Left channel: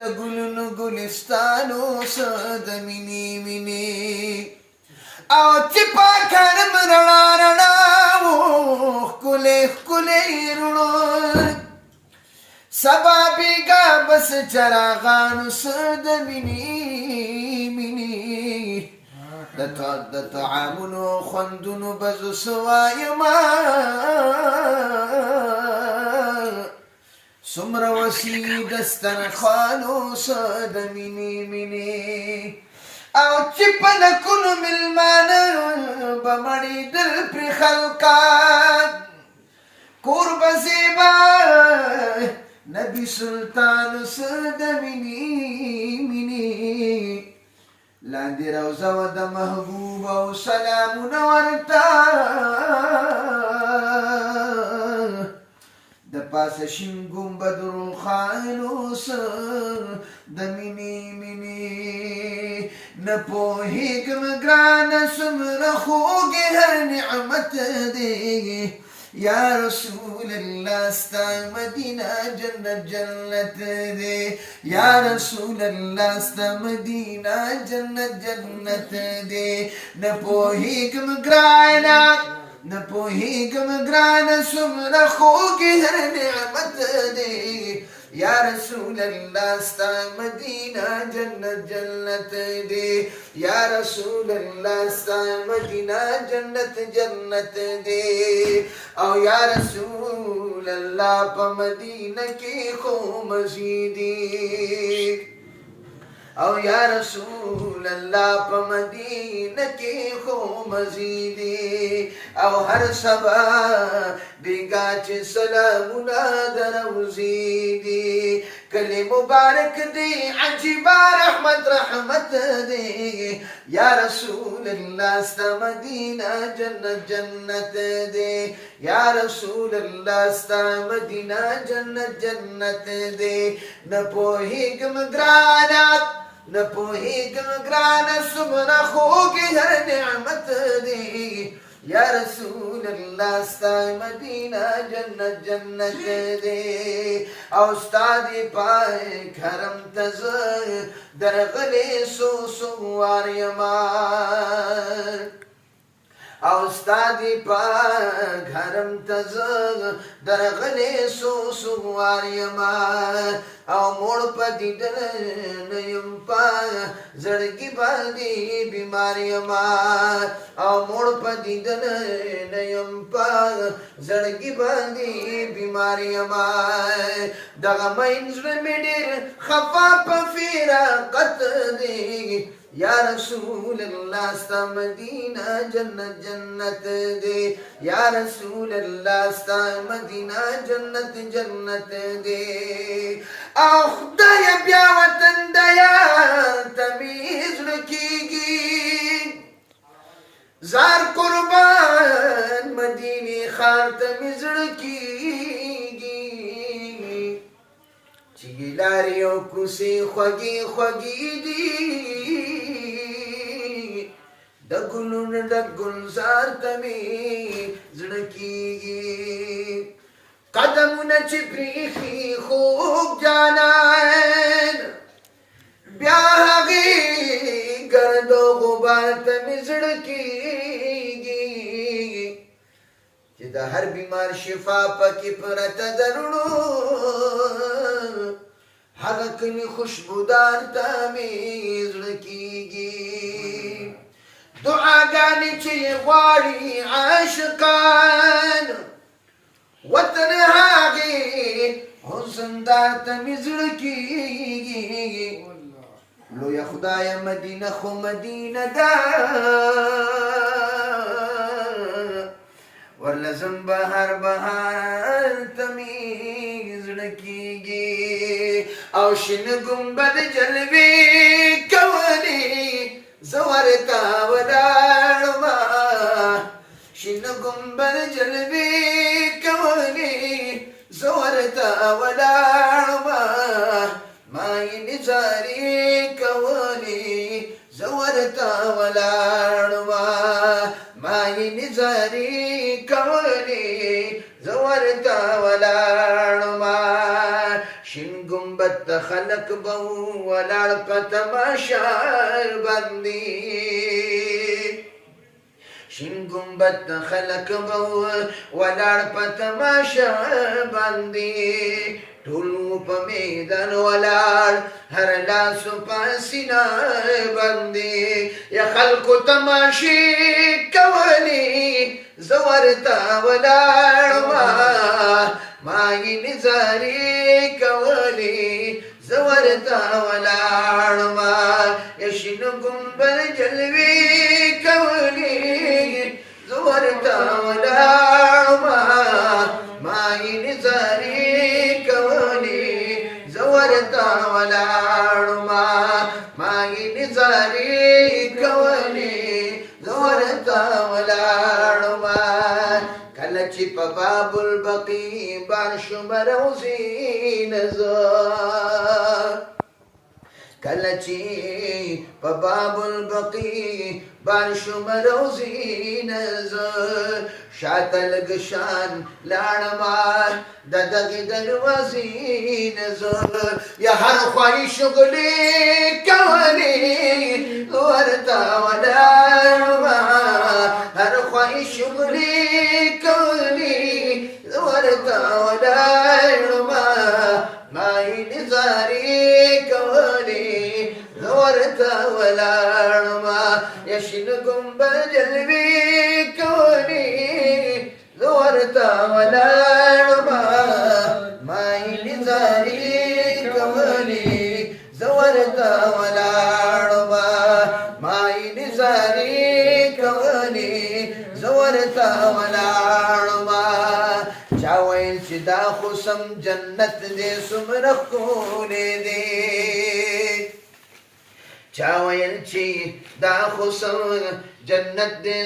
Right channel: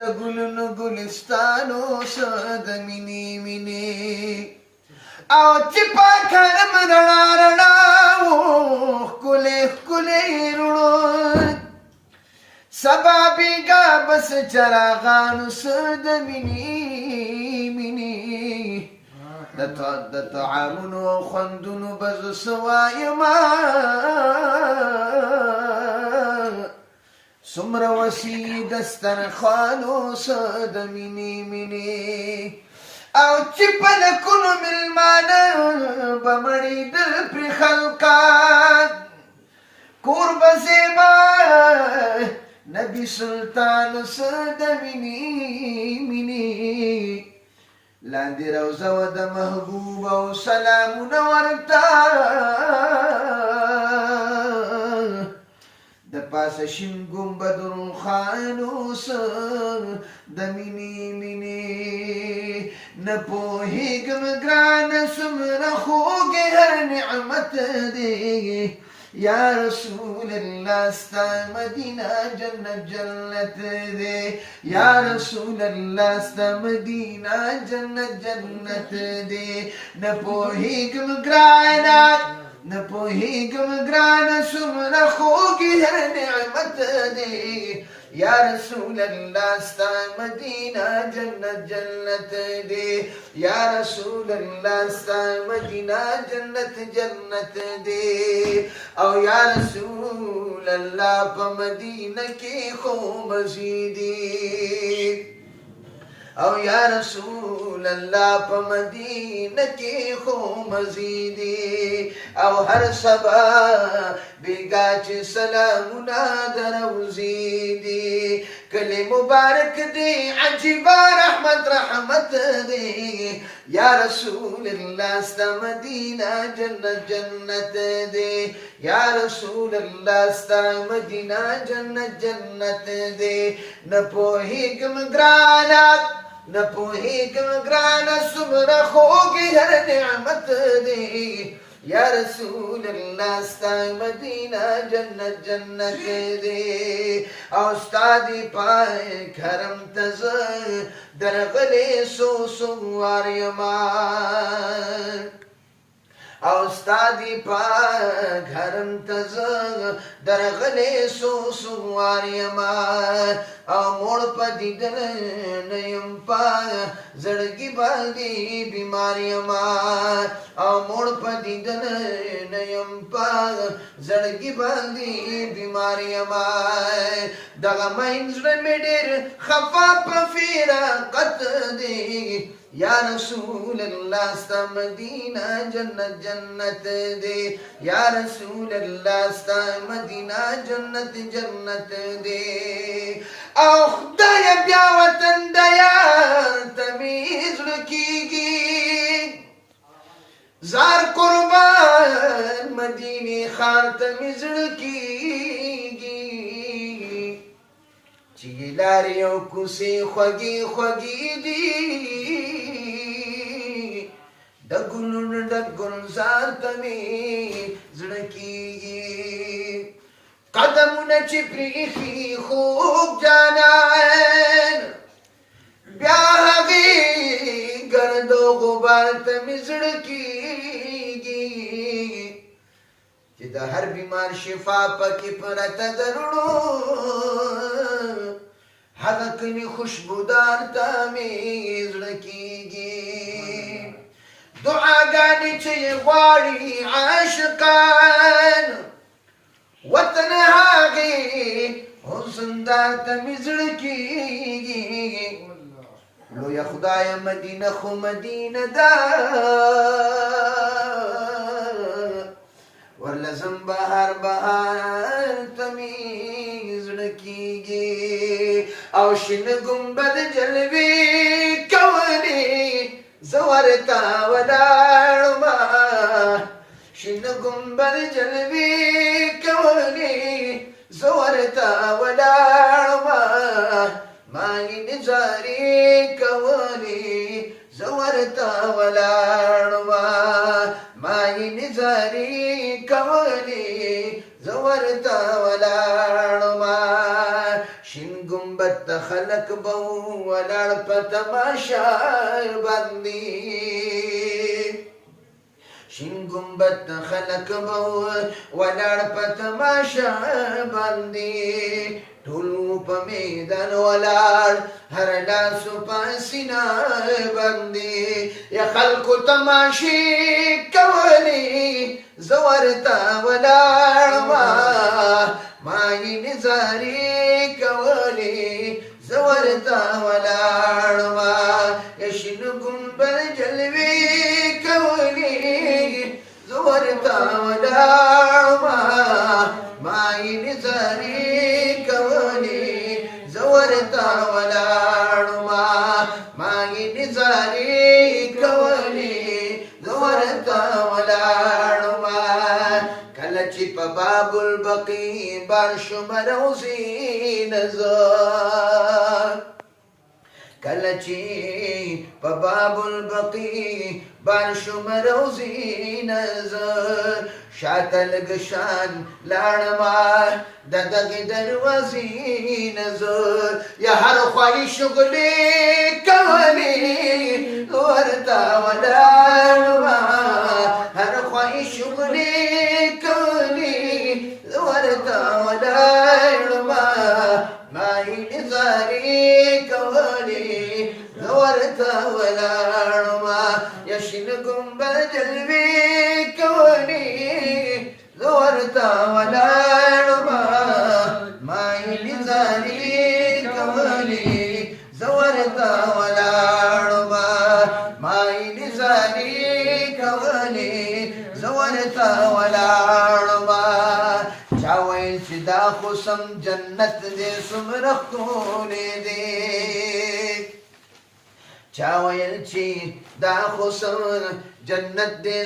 ګلونو ګلستانو سد مینې مینې او چې پاکرم رڼا رڼا و ښکلې ښکلې رڼو سبا بیګا بس چراغانو سد مینې مینې د طعامونو خوندونو بزو سوایما سمره وسی دسترخوانو سد مینې مینې او چې پلکونو مېلمانه به مړېدل پرې خلقان کور به زیبا نبي سلطان سد مینې مینې لاندې روضه وه د محبوب او سلامونه ورته د پاسه شین ګنبد روښانو سر د مینې مینې نه پوهېږم ګرانه څومره خوږ هر نعمت دی یا رسول الله ستا مدینه جنت جنت دی یا رسول الله ستا مدینه جنت جنت دی نه پوهېږم ګرانه نه پوهېږم ګرانه څومره خوږ هر نعمت دی یا رسول الله ستا مدینه جنت جنت دی یا رسول الله ستا مدینه جنت جنت دی او یا رسول الله په مدینه کې خو مزیدی او یا رسول الله په مدینه کې خو مزیدی او هر سبا بیګا چې سلامونه دروزی دی کلی مبارک دی عجیبا رحمت رحمت دی یا رسول الله ستا مدینه جنت جنت دی یا رسول الله ستا مدینه جنت جنت دی نه پوهېږم ګرانه نه پوهېږم ګرانه څومره خوږ هر نعمت دی یا رسول الله ستا مدینه جنت جنت دی او ستا دی پاک حرم ته زه درغلی سو وار یما او ستا دی پاک حرم ته زه درغلی سو وار یما او موړ په دیدن نه یم په زړګي باندې بیمار یما او موړ په دیدن نه یم په زړګي باندې بیمار یما دغه مین زړه مې ډېر خفا په فراقت دی یا رسول الله ستا مدینه جنت جنت دی یا رسول الله ستا مدینه جنت جنت دی او خدای بیا وطن د یار ته مې زړه کېږي زار قربان مدینې ښار ته مې زړه کېږي چې لارې او کوڅې خوږې خوږې دي د ګلونو د ګلزار ته مې زړه کېږي قدمونه چې پریښي خوږ جانان بیا هغې ګرد و غبار ته مې زړه کېږي چې د هر بیمار شفا پکې پرته د رڼو هغه کلي خوشبودار ته مې زړه کېږي دعاګانې چې یې غواړي عاشقان وطن هغې حسندار ته مې زړه کېږي لویه خدایه مدینه خو مدینه ده ورله ځم بهار بهار ته مې زړه کېږي او شنه ګنبد جلوې کولې زه ورته ولاړمه شنه ګنبد جلوې کولې زه ورته ولاړمه ما یې نظارې کولې زه ورته ولاړمه ما یې نظارې کولې زه ورته ولاړمه شین ګنبد گنبد خلق بو ولاړ په تماشا باندې شین گنبد خلق بو ولاړ په تماشا باندې ټول په میدان ولاړ هر لاس په سینا باندې یا خلکو تماشې کولې زورتا ولاړ ما یې نظارې کولې زورتا ولاړ یا شین گنبد جلوې کولې زورتا ولاړ ما یې نظارې زورتا ولاړما ما یې نظارې کولې زورتا ولاړما کله چې په باب البقي بار شم روزي نظر کله چې په باب البقي بار شم روزي نظر شاته لږ شان لاړما د دغې دروازې نظر یا هر خواري شغلې کولې ورته ولاړما هر خواري شغلې کولې ورته ولاړما ما یې نظارې کولې ورته ولاړما یا شین گنبد جلوې کولې زورتا ولاړما ما یې نظارې کولې زورتا ولاړما ما یې نظارې کولې زورتا ولاړما چا ویل چې دا خو سم جنت دې څومره ښکلی دی چا ویل چې دا خو سم جنت دې